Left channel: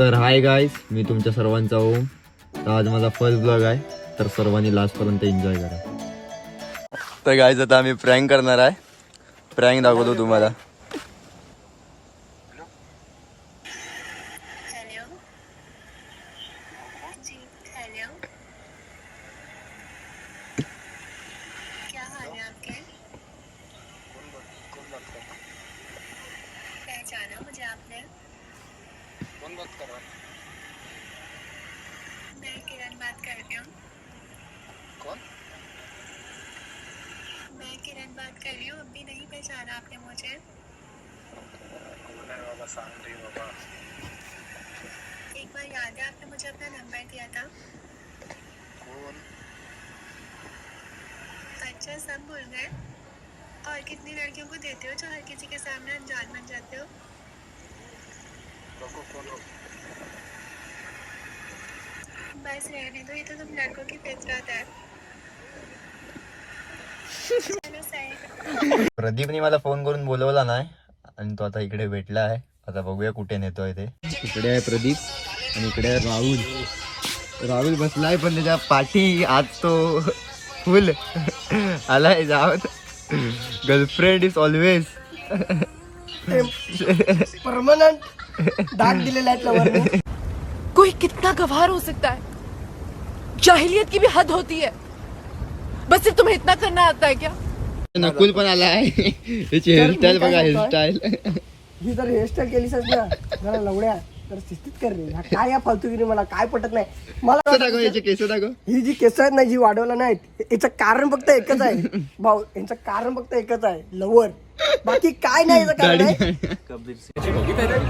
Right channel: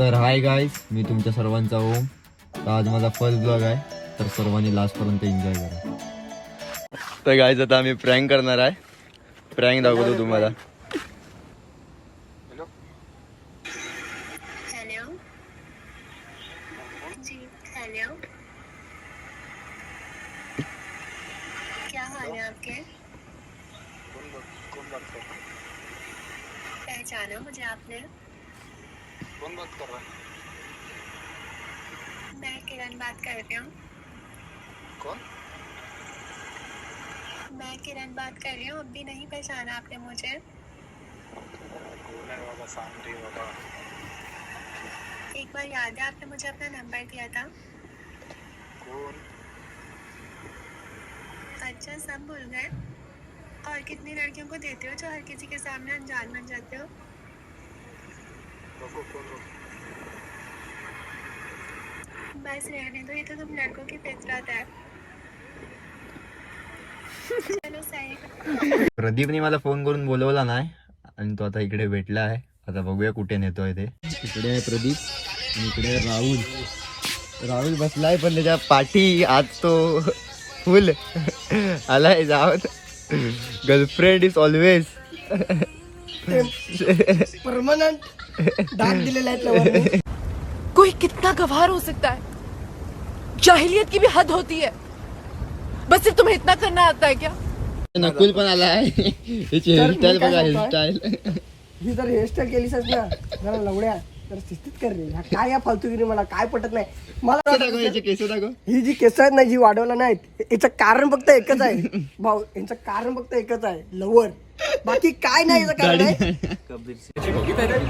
तर hi guys, मी तुमच्या सर्वांचा ओम. तर आज माझा फर्स्ट ब्लॉग आहे, तर सर्वांनी लास्ट पर्यंत एन्जॉय करा. तर गाईज आता आम्ही प्रँक करणार आहे. प्रँक दाखवतो तुम्हाला. हेलो जी, हेलो, क्या हाल है आपके? कौन बात कर रहा है? पहचाना मुझे आपने? कौन बात कर रहा है? मैं किरण बात कर रही हूँ. कौन? मैं किरण बात कर रही हूँ. अब भी नहीं पहचाना आपने मुझे? कौन है बाबा? शांत रही बाबा. एक बार याद है आपने मुझे अपना नंबर दिया था? कौन? अच्छा, सब भूल गए? और कितनी लड़कियों को देते हो जो हर किसी के सामने अनजान बन जाते हो? रोको, कौन रोको? बस रहने दो, ये तो तुम लड़कों की फितरत है. चलो सही. प्रदीपने मला फोन करून बोलवला नाही आणि तो आता इकडे भेटला आहे. आता बघूया कुठे नेतोय ते. इकडे आहे प्रदीप आणि इकडे आहे राहुल. राहुल बसलाय पण त्याच्या पाठी आज तो फुल आलाय. जावत गर्लफ्रेंड इज ऑलवेज परमनंट दाग दिलेला आहे त्यावर. कोई कितना गवार हो सकता है? जाहिलियत की भी हद होती है. बस सिर्फ तुम्हें इतना करना आता है क्या? नकुल पण आलाय. त्याची हेअरस्टाईल बघा, हेअरस्टाईल. ही जर हेअरस्टाईल केलीस ना जरा लवड्या तर शिस्तीत कर रे. हा काय या फालतूगिरी मला काय पटत नाही. मला दाखव, याचे केस दाखव. ही जी केस आहेत ना जी वाढवला नाहीत याचं कारण फक्त एकच आहे भाऊ. यांचं कारण फक्त एकच आहे, लवर. बाकी काय नाही याचं कारण आहे.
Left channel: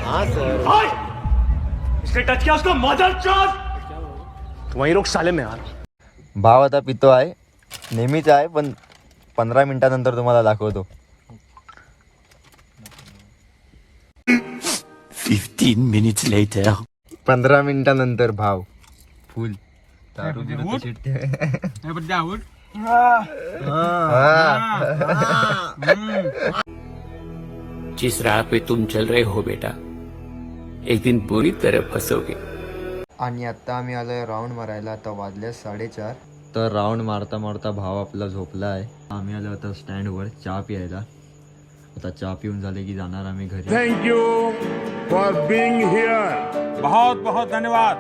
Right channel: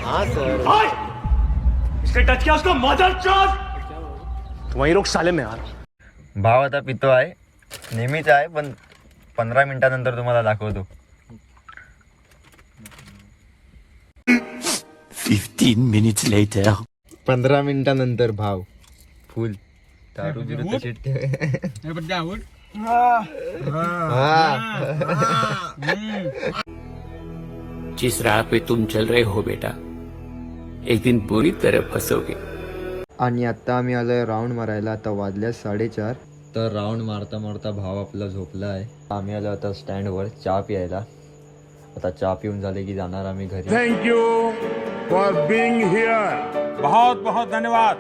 हा सर, इसने टच किया उसको मदर चोद. वही लोग साले में यार. भाव आता पितो आहे, नेहमीच आहे, पण 15 मिनिटानंतर तुम्हाला दाखवतो. 15 minutes later. 15 मिनिटानंतर भाव फुल दारू बिरू तशी जिस राह पे तुम चल रहे हो बेटा, एक दिन बुरी तरह फंसोगे. आणि आता आम्ही आलोय राऊंड मारायला. आता वाजल्या 4:30. तर राऊंड मारता मारता भाव आपला झोपला आहे. आम्ही आलो आता स्टँडवर चहा प्यायला. आता चहा पिऊन झाले की जाणार आम्ही घरी. Thank you for being here. बहुत बहुत धन्यवाद.